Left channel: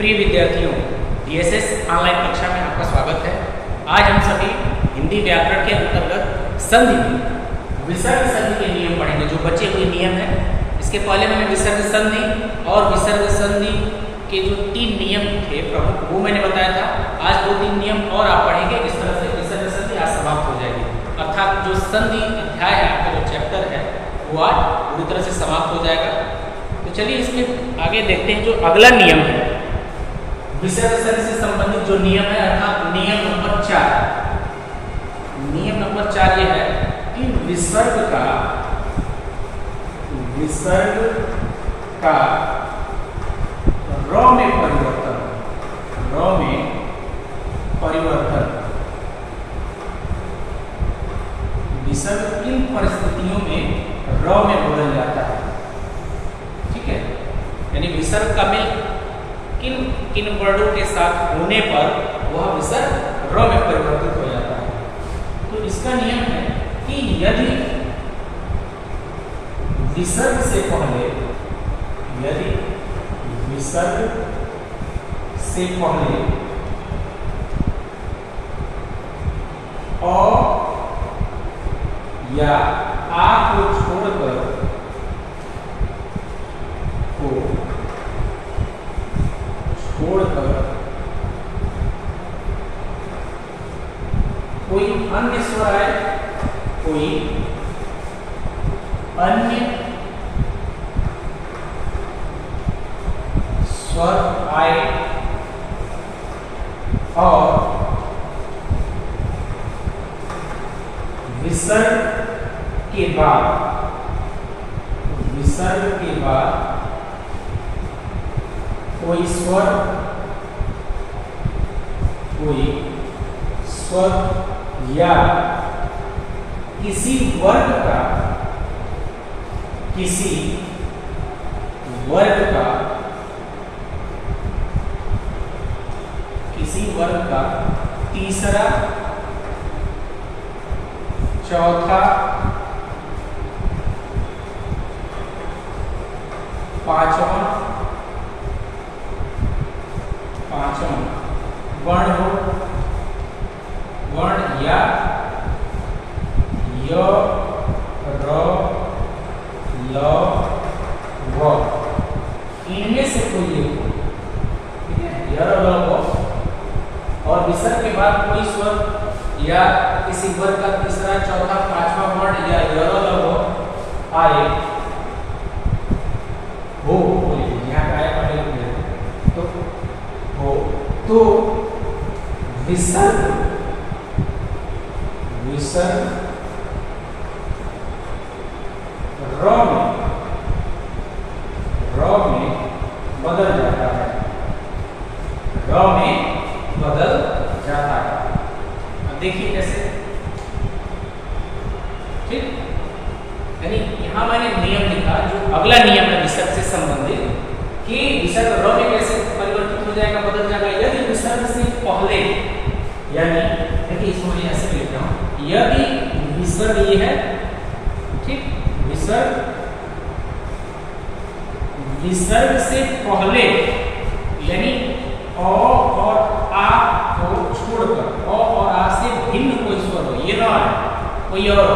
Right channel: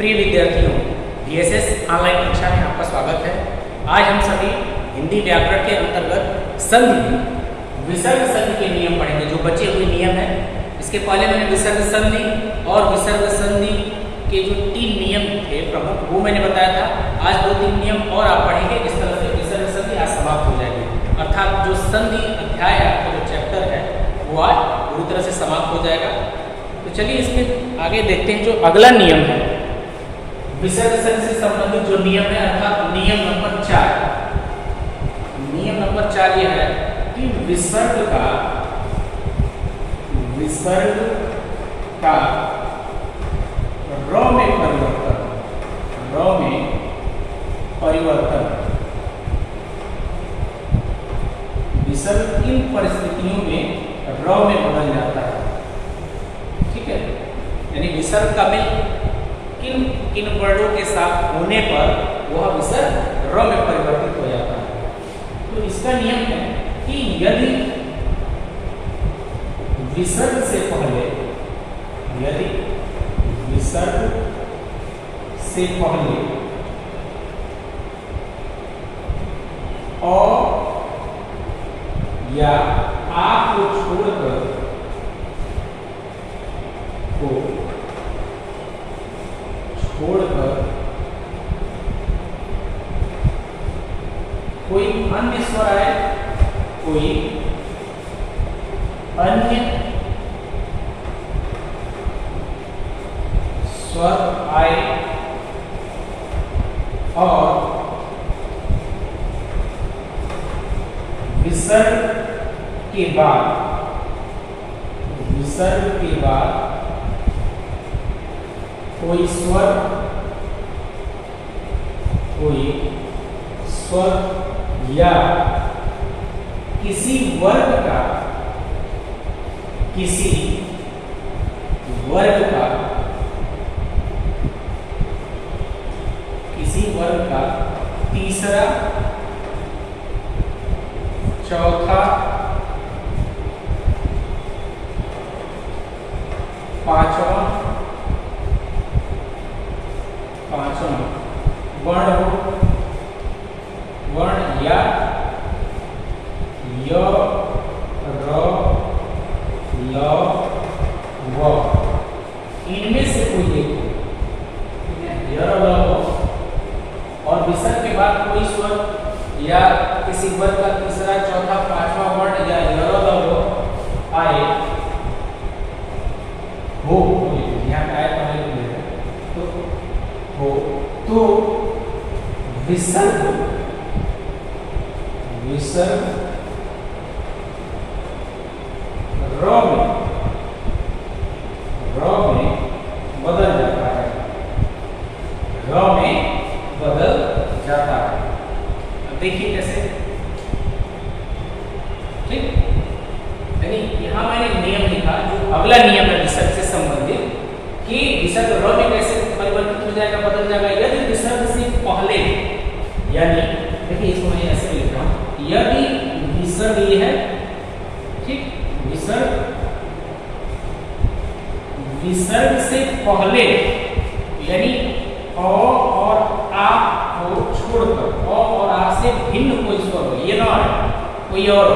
प्रिय विद्यार्थियों, DSS online कक्षा में आपका स्वागत है। आज हम सभी हिंदी व्याकरण के अंतर्गत संधि, विसर्ग संधि के नियम पढ़ेंगे, जो बचे हुए नियम हैं। इसके पहले मैंने विसर्ग संधि और विसर्ग संधि के जो 3 नियम थे प्रमुख, वो मैंने बताया था। आज 2-3 नियम और आप पढ़ेंगे। इस तरह से विसर्ग संधि आज समाप्त हो जाएगी, अर्थात जो संधि अध्याय है, आपका जो चैप्टर है, वो आज पूरी तरह से समाप्त हो जाएगा। तो चलिए इसके आगे देखते हैं जो अगला नियम है, विसर्ग संधि से संबंधित जो नियम है, अर्थात नियम नंबर 4। नियम नंबर 4 ये है कि विसर्ग का र में परिवर्तन, विसर्ग किन परिस्थितियों में र में बदल जाता है। ठीक है, यानी विसर्ग का में किन वर्णों के साथ होने पर वह विसर्ग र में परिवर्तित हो जाता है। तो इसका नियम है कि यदि विसर्ग से पहले और या आ को छोड़कर कोई अन्य स्वर आए, कोई अन्य स्वर आए और विसर्ग के बाद कोई स्वर या किसी वर्ग का तीसरा, चौथा, पांचवा वर्ण हो, वर्ण या य, र, ल, व, इनमें से कोई एक, ठीक है, य, र, ल, व, और विसर्ग के बाद कोई स्वर या किसी वर्ग का तीसरा, चौथा, पांचवा वर्ण या य, र, ल, व आए हो, यहाँ का आए पहले तो विसर्ग र में बदल जाता है, अब देखिए कैसे। ठीक, यानी यहां मैंने नियम लिखा, जो अगला नियम है विसर्ग से संबंधित, कि विसर्ग र में कैसे परिवर्तित हो जाएगा, बदल जाएगा। यदि विसर्ग से पहले, यानी देखिए इसको मैं ऐसे लिख रहा हूं, यदि विसर्ग ये है, ठीक, विसर्ग से पहले यानी अ और आ को छोड़कर, अ और आ से भिन्न कोई स्वर हो, ये ना है कोई और,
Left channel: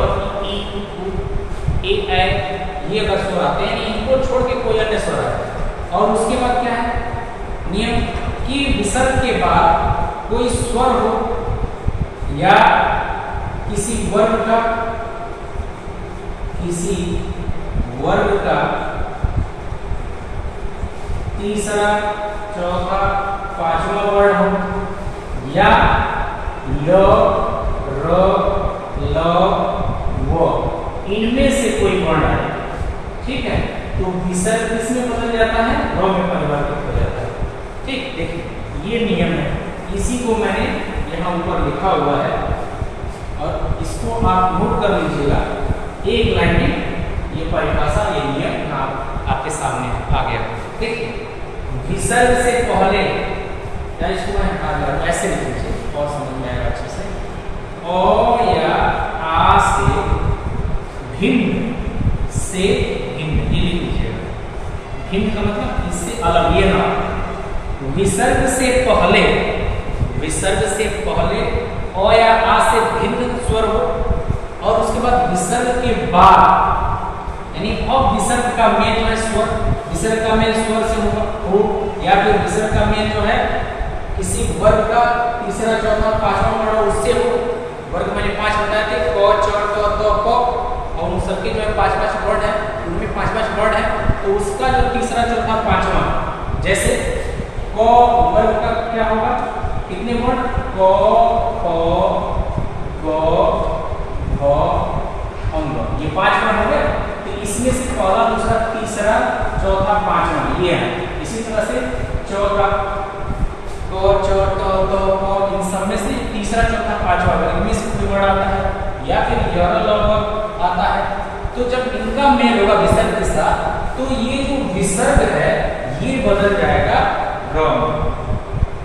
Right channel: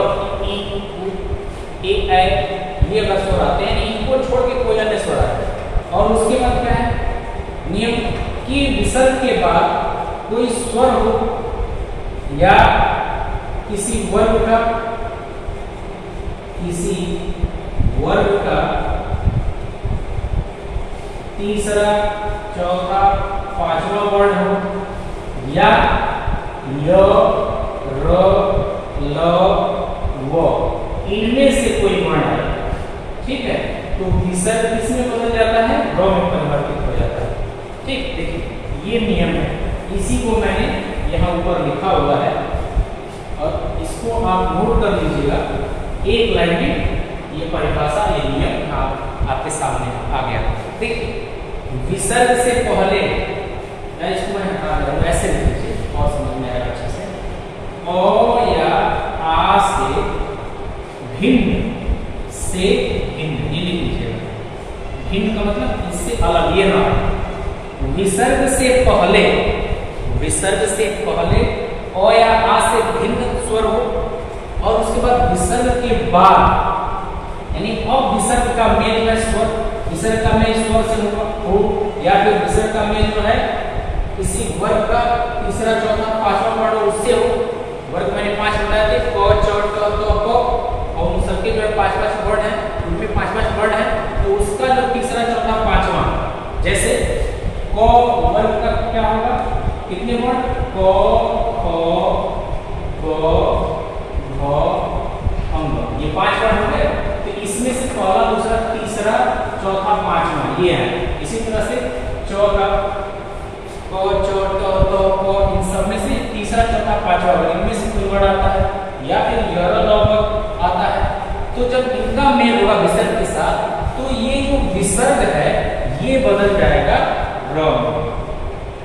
ई, उ, ए, ऐ, ये अगर स्वर आते हैं, इनको छोड़ के कोई अन्य स्वर आए, और उसके बाद क्या है नियम कि विसर्ग के बाद कोई स्वर हो या किसी वर्ग का तीसरा, चौथा, पांचवा वर्ण हो, या ल, र, ल, व, इनमें से कोई वर्ण है। ठीक है, तो विसर्ग किसमें बदल जाता है, र में परिवर्तित हो जाता है। ठीक, देखिए ये नियम है, इसी को मैंने यहाँ ऊपर लिखा हुआ है और इसको आप नोट कर लीजिएगा। एक लाइन में ये परिभाषा, ये नियम आपके सामने आ गया। देखिए विसर्ग से पहले, या इसको मैं ऐसे लिख लीजिए और समझ में आएगा अच्छे से, अ या आ से भिन्न, भिन्न का मतलब इससे अलग, ये ना विसर्ग से पहले अ या आ से भिन्न स्वर हो, और उसके बाद विसर्ग के बाद यानी अब विसर्ग का मेल जो है स्वर, विसर्ग का मेल स्वर से हो, या फिर विसर्ग का मेल जो है किसी वर्ग का तीसरा चौथा पांचवा वर्ण उससे हो। वर्ग मैंने 5 बताए थे, क च ट त प, और उन सबके जो है 5-5 वर्ड है, उनमें 5-5 वर्ड है, तो उसका जो तीसरा चौथा पांचवा, जैसे क वर्ग का क्या होगा, कितने वर्ड, क ख ग घ अंग, ये 5 वर्ड हो गए। तो इसमें से पहला दूसरा तीसरा चौथा पांचवा ये है। इसी तरह से चौथा क च ट त प, इन सब में से तीसरा चौथा पांचवा अगर इनमें से कोई वर्ड आता है या फिर य र ल व आता है, तो जब इनका मेल होगा विसर्ग के साथ, तो ये जो विसर्ग है ये बदल जाएगा र में।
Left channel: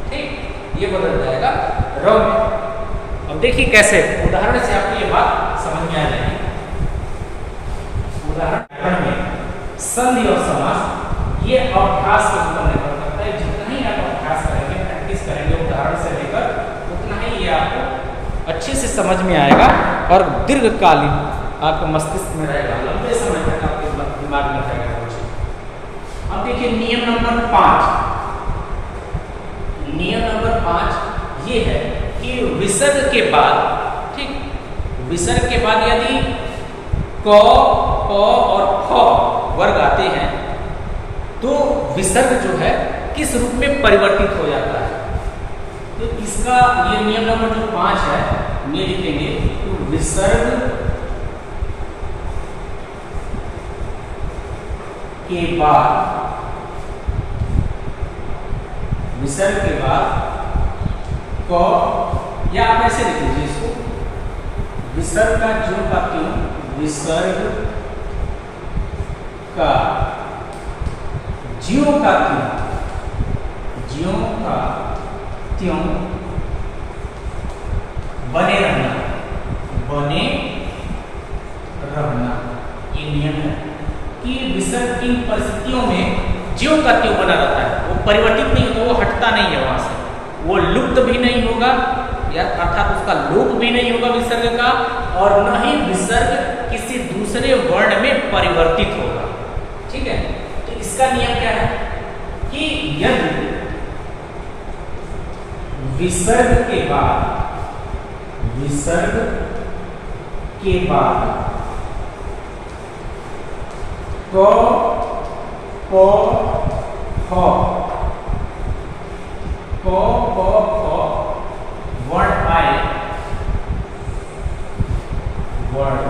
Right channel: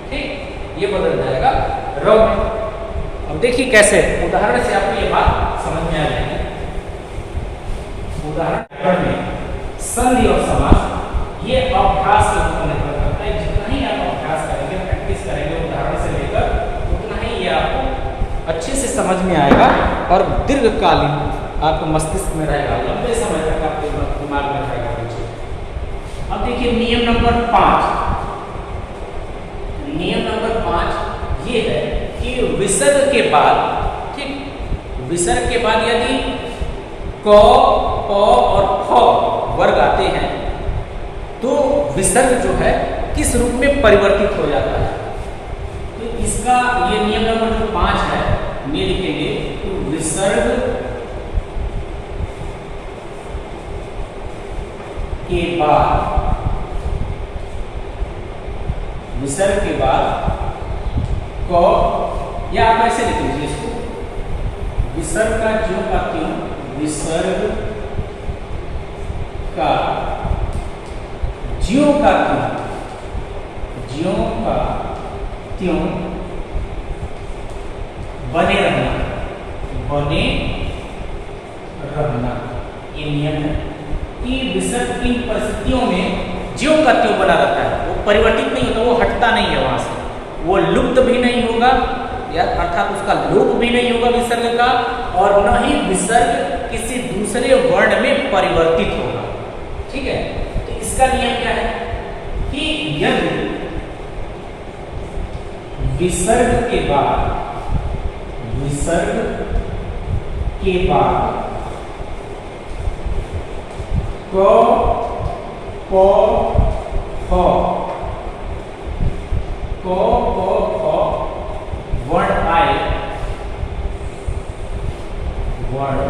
ठीक, ये बदल जाएगा र में। अब देखिए कैसे, उदाहरण से आपको ये बात समझ में आ जाएगी। उदाहरण में संधि और समास ये अभ्यास के ऊपर निर्भर करता है। जितना ही आप अभ्यास करेंगे, प्रैक्टिस करेंगे उदाहरण से लेकर, उतना ही ये आपको अच्छे से समझ में आएगा और दीर्घकालीन आपके मस्तिष्क में रहेगा, लंबे समय तक आपके दिमाग में रहेगा। अब देखिए नियम नंबर 5। नियम नंबर 5 ये है कि विसर्ग के बाद, ठीक, विसर्ग के बाद यदि क प और फ वर्ग आते हैं तो विसर्ग जो है किस रूप में परिवर्तित हो जाता है। तो इसका ये नियम नंबर जो 5 है ये लिखेंगे, तो विसर्ग के बाद, विसर्ग के बाद क, या आप ऐसे लिख लीजिए इसको, विसर्ग का ज्यों का त्यों, विसर्ग का ज्यों का त्यों, ज्यों का त्यों बने रहना, बने रहना। ये नियम है कि विसर्ग की परिस्थितियों में ज्यों का त्यों बना रहता है, वो परिवर्तित नहीं होता, वो हटता नहीं है वहां से, वो लुप्त भी नहीं होगा, या अर्थात उसका लोप भी नहीं होगा विसर्ग का, और न ही विसर्ग किसी दूसरे वर्ण में परिवर्तित होगा। ठीक है, तो इसका नियम क्या है कि यदि विसर्ग के बाद, विसर्ग के बाद क प फ, क प फ वर्ण आए, वर्ण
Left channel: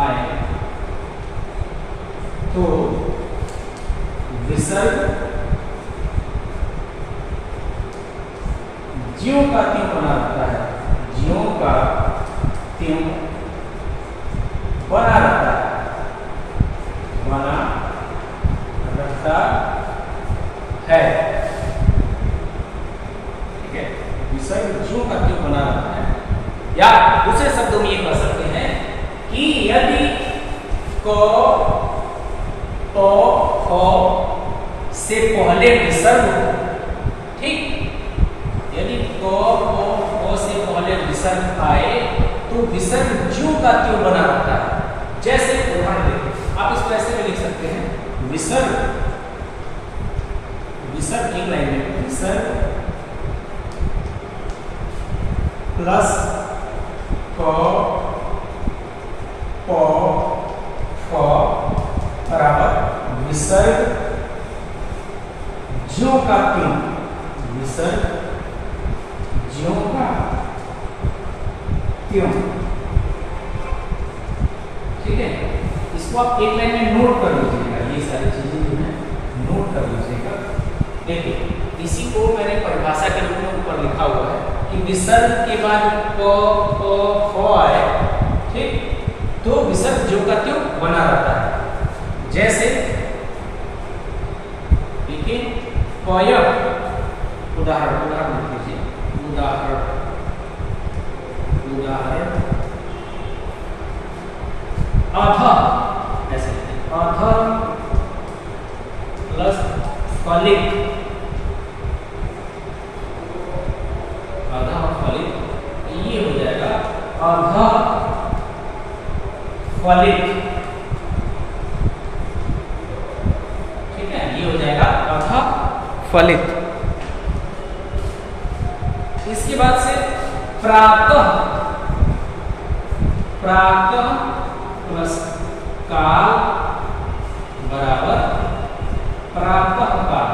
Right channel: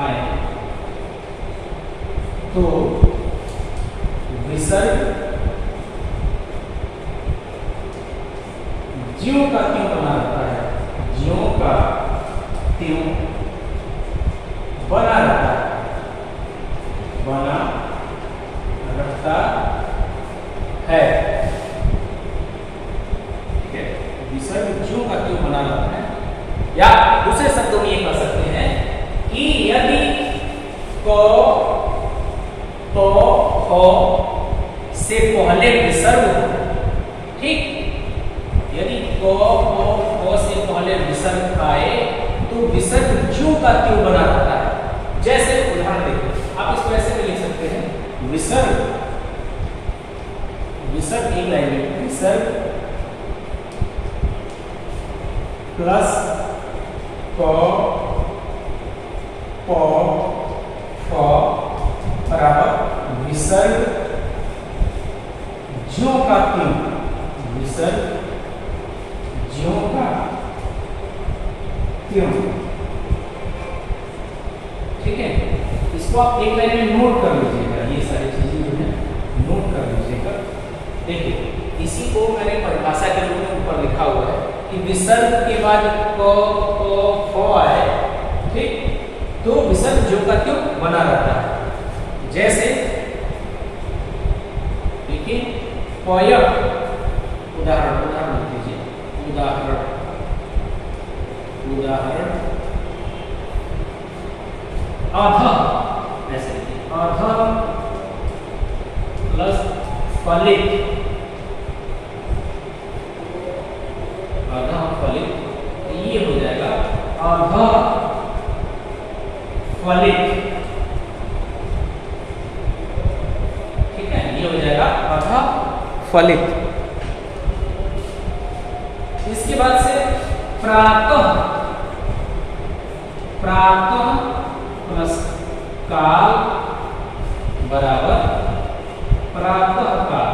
आए, तो विसर्ग ज्यों का त्यों बना रहता है, ज्यों का त्यों बना रहता है, बना रहता है। ठीक है, विसर्ग ज्यों का त्यों बना रहता है, या दूसरे शब्दों में ये कह सकते हैं कि यदि क प फ से पहले विसर्ग हो, ठीक, यदि क प फ से पहले विसर्ग आए तो विसर्ग ज्यों का त्यों बना रहता है। जैसे उदाहरण देखिए, आप इसको ऐसे भी लिख सकते हैं, विसर्ग, विसर्ग एक लाइन में, विसर्ग प्लस क प फ बराबर विसर्ग ज्यों का त्यों, विसर्ग ज्यों का त्यों। ठीक है, इसको आप एक लाइन में नोट कर लीजिएगा, ये सारी चीजें जो है नोट कर लीजिएगा। देखिए, इसी को मैंने परिभाषा के रूप में ऊपर लिखा हुआ है कि विसर्ग के बाद क प फ आए, ठीक, तो विसर्ग ज्यों का त्यों बना रहता है। जैसे देखिए, पय, उदाहरण, उदाहरण लीजिए, उदाहरण, उदाहरण अध, ऐसे अध प्लस फलित, अधः फलित, ये हो जाएगा अधः फलित। ठीक है, ये हो जाएगा अधः फलित। इसके बाद से प्रातः, प्रातः प्लस काल बराबर प्रातः काल,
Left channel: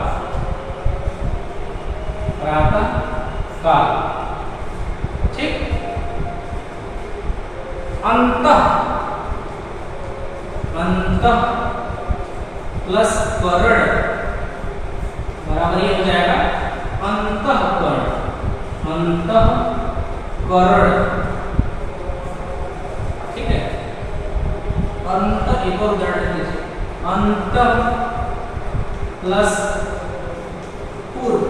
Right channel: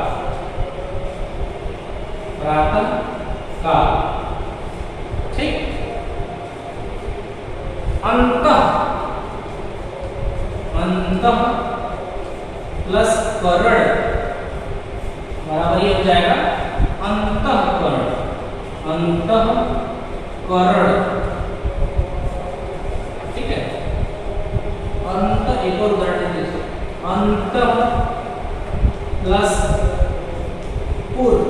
प्रातः काल। ठीक, अंतः, अंतः प्लस करण बराबर ये हो जाएगा अंतःकरण, अंतःकरण। ठीक है, अंत, एक और उदाहरण लीजिए, अंत प्लस पूर्व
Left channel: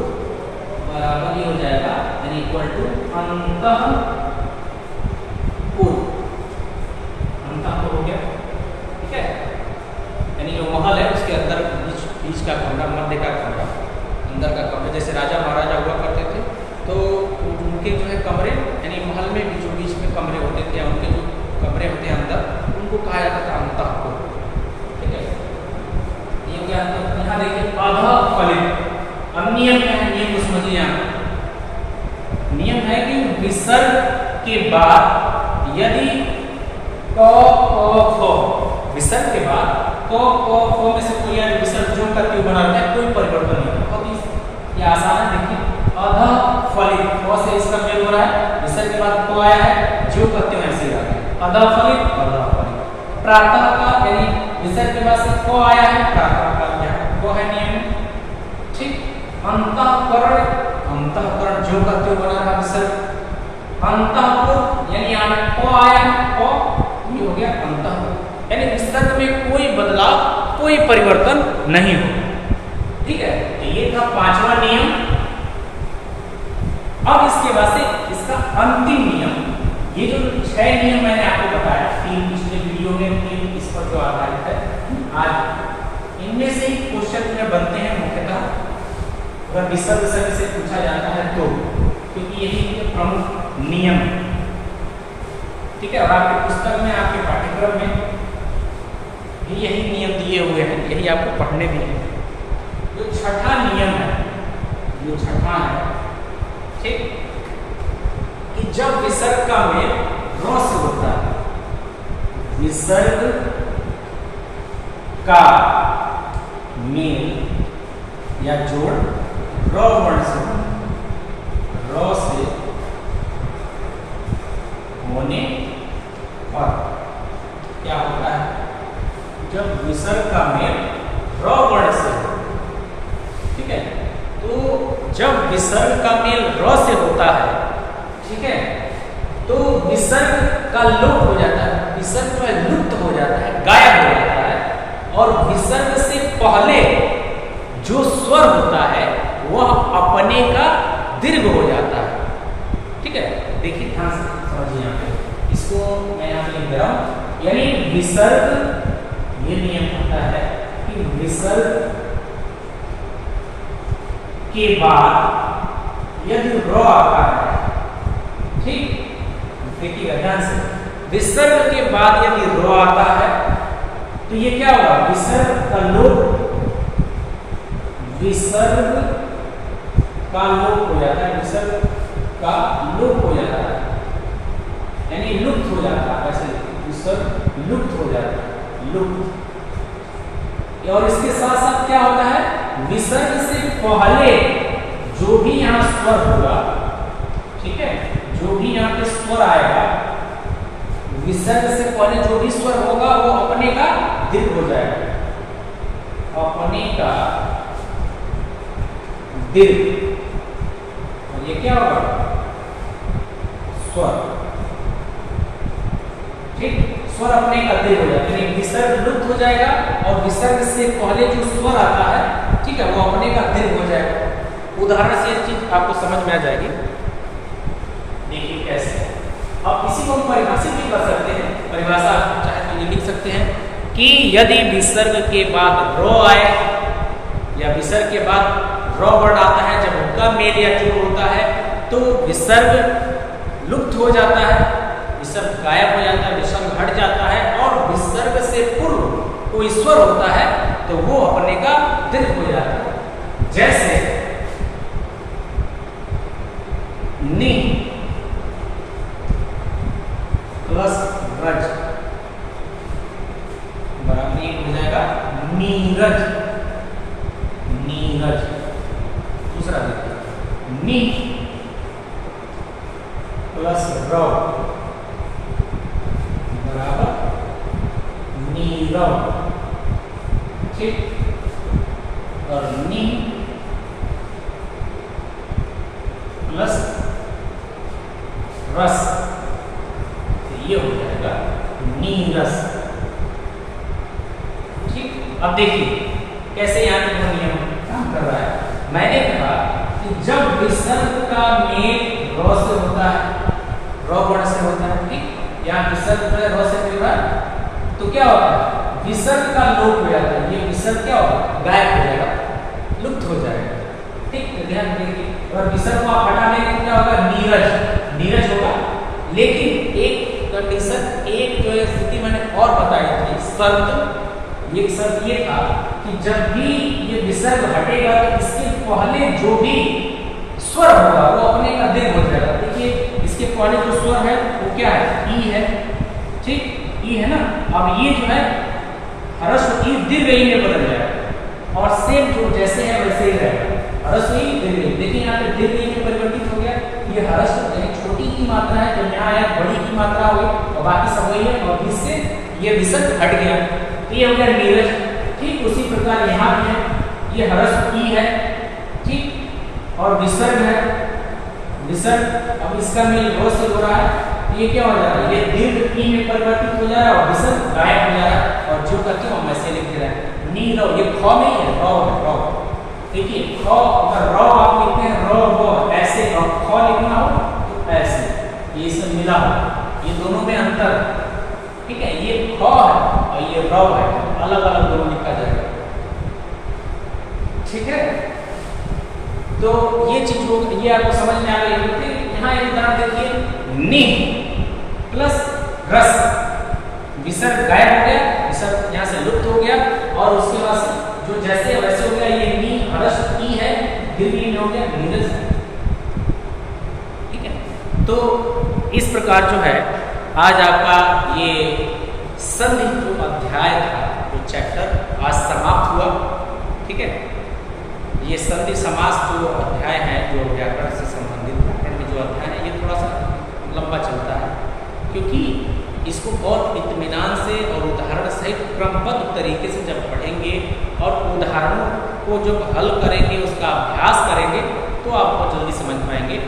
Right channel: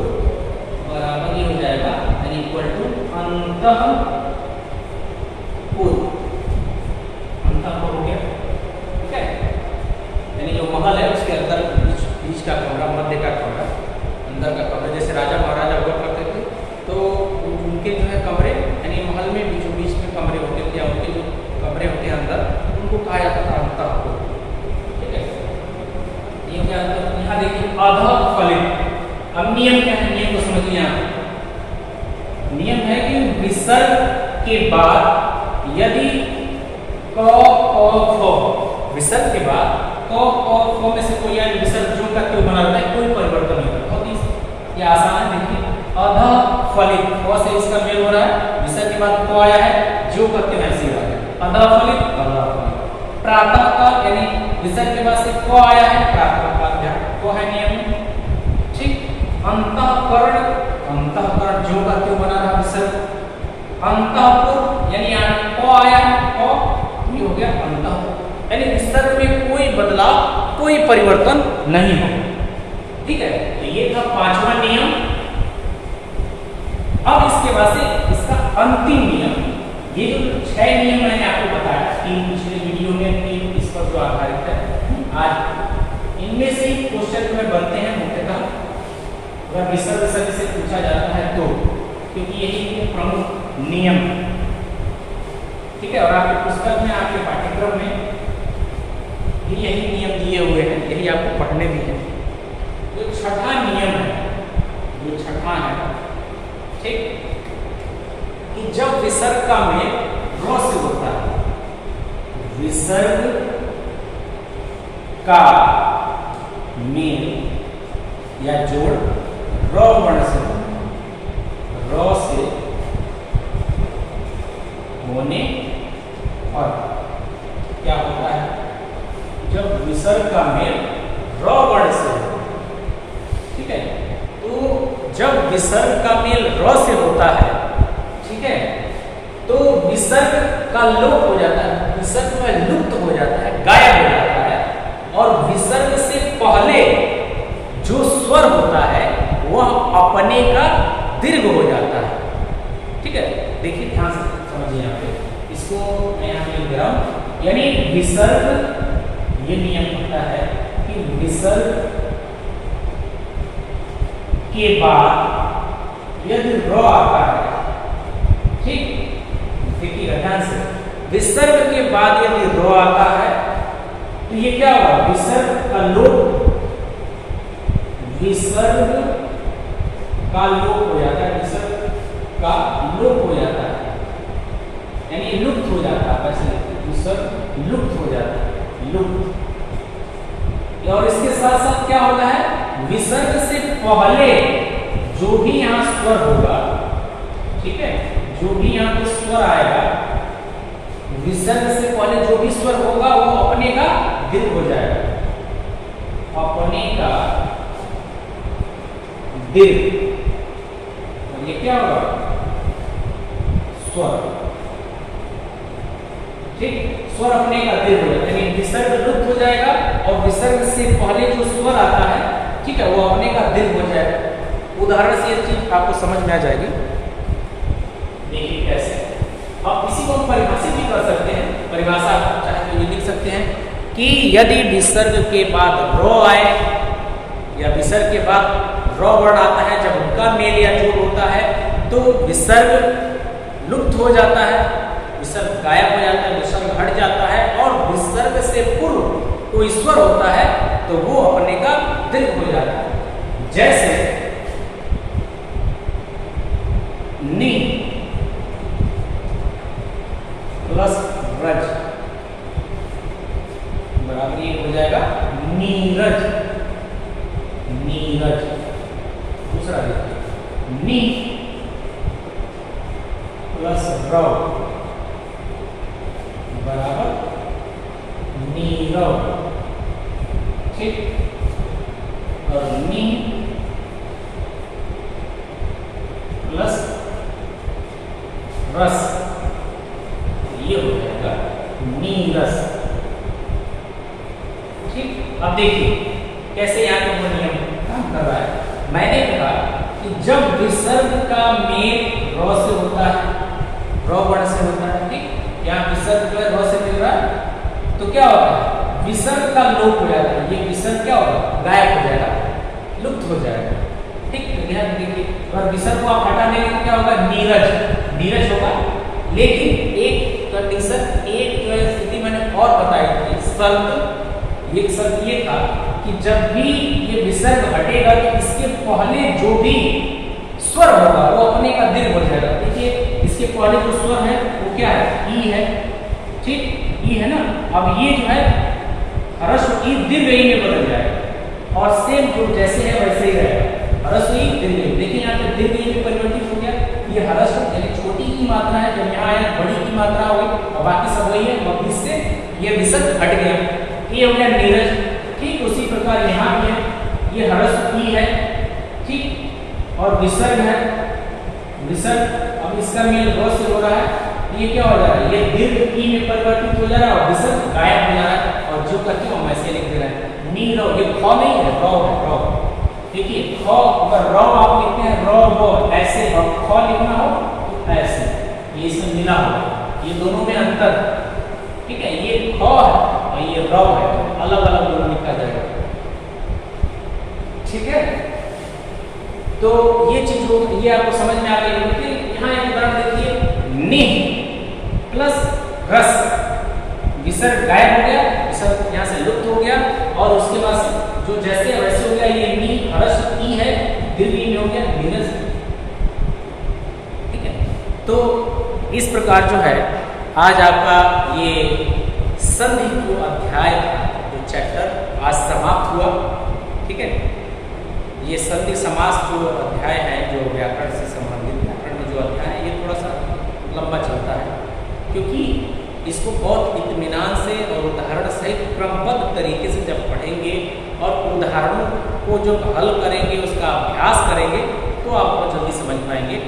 बराबर ये हो जाएगा यानी इक्वल टू अंतः पूर्व, अंतः पूर्व हो गया। ठीक है, यानी जो महल है उसके अंदर बीच का कमरा, मध्य का कमरा, अंदर का कमरा, जैसे राजा महाराजा हुआ करते थे तो उनके जो है कमरे यानी महल में बीचों बीच में कमरे होते थे, उनके जो कमरे होते हैं अंदर उनको कहा जाता था अंतःपुर। ठीक है, ये हो गया। यहाँ देखिए अधः फलित। अब नियम क्या है, नियम को समझिए। यहाँ नियम है कि विसर्ग के बाद यदि क ख फ, विसर्ग के बाद क ख फ में से कोई यानी विसर्ग जो का क्यों बना रहता है, कोई परिवर्तन नहीं होता। बहुत ही ये आसान है। देखिए अधः फलित, फ से इसका मेल हो रहा है, विसर्ग के बाद क आया है, जो करते हैं ऐसे रहा है, अधः फलित, अधः फलित। प्रातः काल यानी विसर्ग के बाद से क आया है, प्रातः काल क्या है, क है नियम। ठीक, अंतःकरण, अंतःकरण जो का क्यों बना रहा विसर्ग। अंतःपुर यानी यहाँ क आया है, क ये हो गया अंतःपुर, यानी विसर्ग में कोई बदलाव, कोई परिवर्तन नहीं होगा। ठीक है, ये था पांचवा नियम। अब इसके बाद से इसका अंतिम नियम, ये जो 6 नियम मैंने आपको बताया 3 पिछले वीडियो में, इस पर जो आधारित है आज, इनमें से ही क्वेश्चन में बनते हैं मुख्यतः अगर विसर्ग से पूछा जाता है तो, क्योंकि यही प्रमुख नियम। ठीक है, और आपके पुस्तक में, आपके पाठ्यक्रम में भी यही नियम दिए हुए हैं, यही आपको पढ़ने में है। जो छठा नियम है, ये छठा है। ठीक, कि जब विसर्ग का मेल र से होता है, विसर्ग का मेल या जोड़ र वर्ण से, र से होने पर क्या होता है, जब विसर्ग का मेल र वर्ण से, ठीक है, तो जब विसर्ग का मेल र से होता है, ठीक है, तो विसर्ग का लोप हो जाता है, विसर्ग में लुप्त हो जाता है, गायब हो जाता है, और विसर्ग से पहले जो स्वर होता है वह अपने का दीर्घ हो जाता है। ठीक है, देखिए ध्यान से समझिए यहाँ पे, इसको मैं यहाँ पे लिख रहा हूं, यानी विसर्ग, ये नियम होता है कि विसर्ग के बाद यदि र आता है, ठीक, देखिएगा ध्यान से, विसर्ग के बाद यदि र आता है तो ये क्या होगा, विसर्ग का लोप, विसर्ग का लोप हो जाता है, विसर्ग का लोप हो जाता है, यानी लुप्त हो जाता है, वैसे विसर्ग लुप्त हो जाता है, लुप्त। और इसके साथ साथ क्या होता है, विसर्ग से पहले जो भी यहाँ स्वर होगा, ठीक है, जो भी यहाँ पे स्वर आएगा, विसर्ग से पहले जो भी स्वर होगा वो अपने का दीर्घ हो जाएगा, अपने का दीर्घ। ये क्या होगा, स्वर। ठीक, स्वर अपने का दीर्घ हो जाएगा, यानी विसर्ग लुप्त हो जाएगा और विसर्ग से पहले जो स्वर आता है, ठीक है, वो अपने का दीर्घ हो जाएगा। उदाहरण से ये चीज आपको समझ में आ जाएगी। देखिए कैसे, अब इसी को हम परिभाषित भी कर सकते हैं, परिभाषा चाहे तो ये लिख सकते हैं कि यदि विसर्ग के बाद रो आए या विसर्ग के के बाद र वर्ण आता है, जब उनका मेल या जोड़ होता है तो विसर्ग लुप्त हो जाता है, विसर्ग गायब हो जाता है, विसर्ग हट जाता है और विसर्ग से पूर्व कोई स्वर होता है तो वो अपने का दीर्घ हो जाता है। जैसे नी प्लस रज बराबर ये हो जाएगा नीरज, नीरज। दूसरा देखिए नी प्लस रव बराबर नीरव, ठीक। और नी प्लस रस, ये हो जाएगा नीरस, ठीक। अब देखिए कैसे यहाँ पे वो नियम काम कर रहा है। मैंने कहा कि जब विसर्ग का मेल र से होता है, र वर्ण से होता है, ठीक। यहाँ विसर्ग जो है र से मिल रहा है तो क्या होता है, विसर्ग का लोप हो जाता है, ये विसर्ग क्या होगा, गायब हो जाएगा, लुप्त हो जाएगा, ठीक। ध्यान देखिए, और विसर्ग को आप हटाने के क्या होगा, नीरज, नीरज होगा। लेकिन एक कंडीशन, एक जो है स्थिति मैंने और बताई थी, शर्त, एक शर्त ये था कि जब भी ये विसर्ग हटेगा तो इसके पहले जो भी स्वर होगा वो अपने का दीर्घ हो जाएगा। देखिए इसके पहले जो स्वर है वो क्या है, ई है, ठीक, ई है ना। अब ये जो है ह्रस्व ई दीर्घ ई में बदल जाएगा और सेम जो जैसे है वैसे ही रहेगा, ह्रस्व ई दीर्घ ई। देखिए यहाँ पे दीर्घ ई में परिवर्तित हो गया, ये ह्रस्व यानी छोटी की मात्रा है, जो यहाँ आया बड़ी की मात्रा हो गई और बाकी सब वही है, और इससे ये विसर्ग हट गया, ये हो गया नीरज, ठीक। उसी प्रकार यहाँ भी है, ये ह्रस्व ई है, ठीक, और विसर्ग है, विसर्ग अब इसका मेल र से हो रहा है, ये क्या हो जा रहा है, ये दीर्घ ई में परिवर्तित हो जा रहा है और विसर्ग गायब हो जा रहा है, और जो करते हम ऐसे लिख दे रहे हैं नीरव, ये ख नहीं है, र है, र। देखिए ख अगर र आप लिखते हैं र व ऐसे, और ख लिखना हो तो ऐसे, ये सब मिला हो, ये दोनों में अंतर है, ठीक है। ये ख है और ये र है, अलग अलग दोनों लिखा जाएगा, ठीक है। तो ये चीज हो, ये आपको समझ में आ गई। फिर यहाँ एक उदाहरण देखिए, नि प्लस रस, विसर्ग गायब हो गया, विसर्ग यहाँ से लुप्त हो गया और उसके बाद जो जैसे वैसे हो गया, ये नी ह्रस्व ई है, दीर्घ ई में हो गया नीरज, ठीक है। तो इस प्रकार जो है आज आपका ये संधि जो अध्याय था, जो चैप्टर आज समाप्त हुआ, ठीक है। ये संधि समास जो अध्याय है, जो व्याकरण से संबंधित व्याकरण में जो अध्याय है, ये थोड़ा सा लंबा चलता है, क्योंकि इसको बहुत इत्मीनान से और उदाहरण सहित क्रमबद्ध तरीके से जब पढ़ेंगे और उदाहरणों को जब हल करेंगे, उसका अभ्यास करेंगे, तो आप बहुत जल्दी समझ पाएंगे,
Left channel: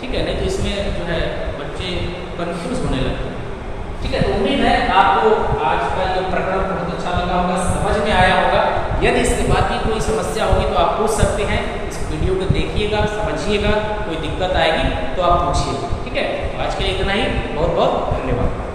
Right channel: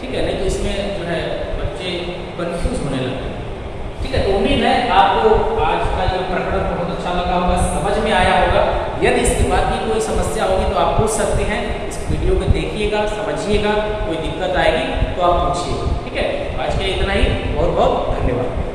ठीक है। नहीं तो इसमें जो है बच्चे कंफ्यूज होने लगते हैं, ठीक है। तो उम्मीद है आपको आज का ये प्रकरण बहुत अच्छा लगा होगा, समझ में आया होगा। यदि इसके बाद भी कोई समस्या होगी तो आप पूछ सकते हैं, इस वीडियो को देखिएगा, समझिएगा, कोई दिक्कत आएगी तो आप पूछिएगा, ठीक है। आज के लिए इतना ही, बहुत बहुत धन्यवाद।